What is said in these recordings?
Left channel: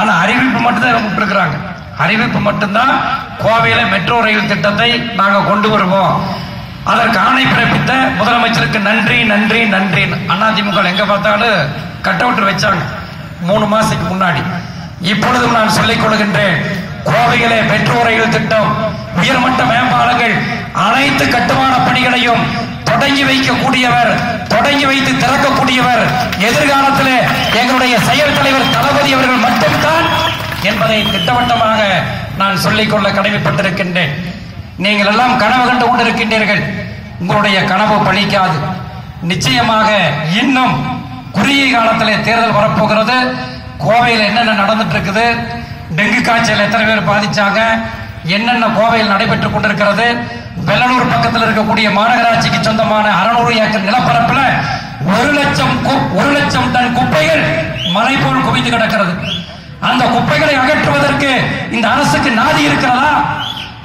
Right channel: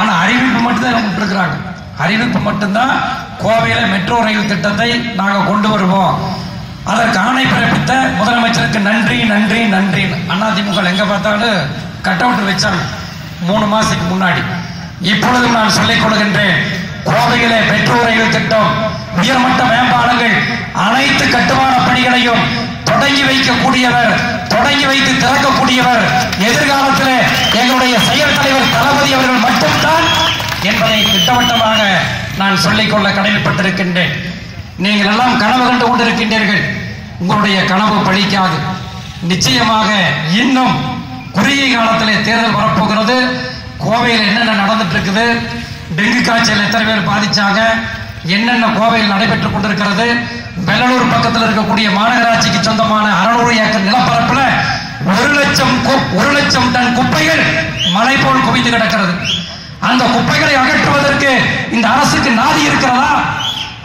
ஆனா அறிவிப்பு மட்டும்தான் விட்டுருக்கிறாங்க அறிவிப்பு மட்டும்தான் கோவையில மெட்ரோ ரயில் திட்டத்தை நாங்க கொண்டு வருவோம். அதற்கு ஆணை பிறப்பித்த முதலமைச்சருக்கு நன்றி நன்றி நன்றி. அதிமுக எங்க பார்த்தாலும் கட் அவுட் வச்சாங்க. மூணு மாசத்துக்கு முன்னாடி. இப்பொழுதும் நான் சொல்லிக் கொடுக்கின்றேன் கோவையிலே மெட்ரோ ரயில் திட்டம் உயர்மட்ட மேம்பாலங்கள் அனைத்து கட்டுமான பணிகளையும் தொடங்கி வைக்கக்கூடியவர் தொடங்கி வைத்து திறக்கக்கூடியவர் எதிர்காலத்தில் எங்களுடைய செயல் தலைவர் தளபதி அவர்கள் மட்டும் என்பதை திட்டவட்டமாக நான் சொல்லிக்கொள்ள கடமைப்பட்டிருக்கின்றேன். நீங்கள் எல்லாம் கனவு கண்டு கொண்டிருக்கின்றீர்கள். உங்களுடைய கனவு பழிக்காது. நிச்சயமாக இன்னும் குறுகிய காலத்தில் தேர்தல் வரப்போகிறது. கோவையில் என்னென்ன நடந்துட்டு இருக்குது டெங்கு காய்ச்சல் எத்தனை பேர் பாதிச்சாங்க? என்னென்ன கோவையில் நடைபெற்றுக் கொண்டிருக்கிறது? வெள்ளலூர் பக்கத்தில் இருக்கக்கூடிய மாநகராட்சிக்கு சொந்தமான அறநூறு ஏக்கர் நிலப்பரப்பில் ஒரு லட்சம் ஒரு லட்சம் டன் குப்பைகள் மலை போல் குவிந்து கிடக்கிறது. அந்த குப்பைகளை அகற்றுவதற்கு இந்த அரசுக்கு நாதி இருக்கிறதா?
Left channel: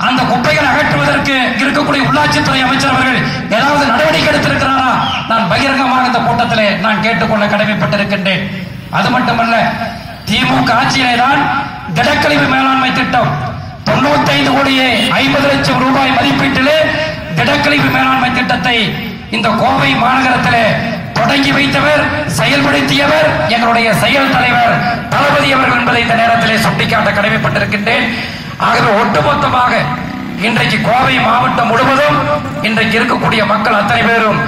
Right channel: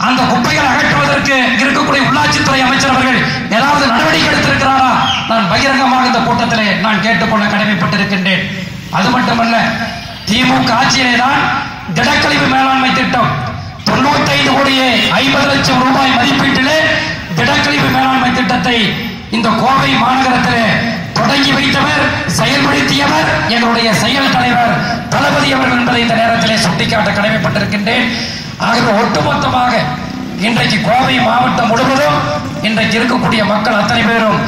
அந்த குப்பைகளை அகற்றுவதற்கு இருக்கக்கூடிய உள்ளாட்சித்துறை அமைச்சர் அவர்கள் ஏதாவது நடவடிக்கை எடுத்திருக்கிறாரா? நான் பகிரங்கமாக இந்த கூட்டத்திலே நான் கேட்டுக்கொள்ள கடமைப்பட்டிருக்கின்றேன். அது மட்டுமல்ல திமுக ஆட்சியிலே தான் திடக்கழிவு மேலாண்மை திட்டம். தொண்ணூத்தைந்து கோடியே ஐம்பது லட்சம் ரூபாய் மதிப்பீட்டிலே திடக்கழிவு மேலாண்மை திட்டத்தை இந்த கோவை மாநகரத்திலே தொடங்கி வைத்தவர் செயல்படுத்தியவர் எங்களுடைய செயல் தலைவர் தளபதி அவர்கள் என்பதை இந்த நேரத்திலே சுட்டிக்காட்ட கடமைப்பட்டிருக்கின்றேன். ஆகவே ஒட்டுமொத்தமாக இன்றைக்கு கோவை மாவட்டம் முழுவதும் இன்றைக்கு இருக்கக்கூடிய மக்கள் அத்தனை பேரும்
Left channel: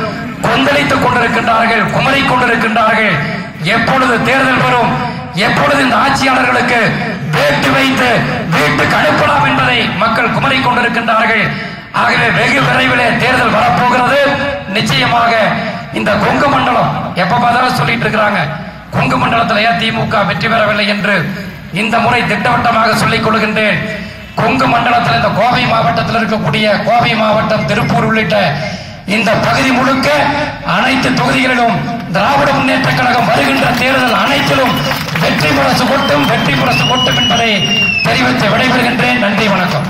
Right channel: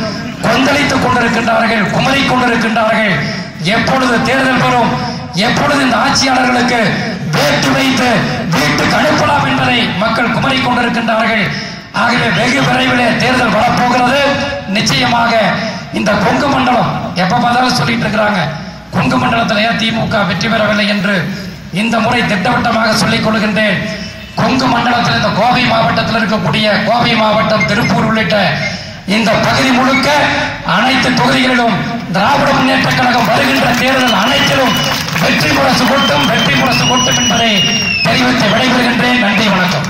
கொந்தளித்துக் கொண்டிருக்கின்றார்கள் குமரி கொண்டிருக்கின்றார்கள். எப்பொழுது தேர்தல் வரும் எப்பொழுது இந்த ஆட்சியாளர்களுக்கு வேட்டு வைத்து வீட்டுக்கு அனுப்பலாம் என்பதை மக்கள் குமரி கொண்டிருக்கின்றார்கள். ஆகவே வெகு விரைவிலே தேர்தல் வரப்போகிறது. நிச்சயமாக இந்த கொங்கு மண்டலம் எப்ப பார்த்தாலும் சொல்லிட்டு இருக்கிறாங்க. கொங்கு மண்டலத்தில் ஏன் திமுக வெற்றி பெறவில்லை என்று இந்த முறை திட்டவட்டமாக சொல்லிக் கொள்கின்றேன். கொங்கு மண்டலத்தில் இந்த கோவை மாவட்டத்தில் இருக்கக்கூடிய கோவை மாவட்டம் திருப்பூர் உள்ளிட்ட இந்த பகுதி முழுக்க அனைத்து தொகுதிகளிலும் திராவிட முன்னேற்ற கழகம் வருகின்ற தேர்தல் அனைத்திலும் வெற்றி முரசு கொட்டும் வெற்றி முரசு கொட்டும் என்பதை தெரிவித்து விடைபெறுகின்றேன். நன்றி வணக்கம்.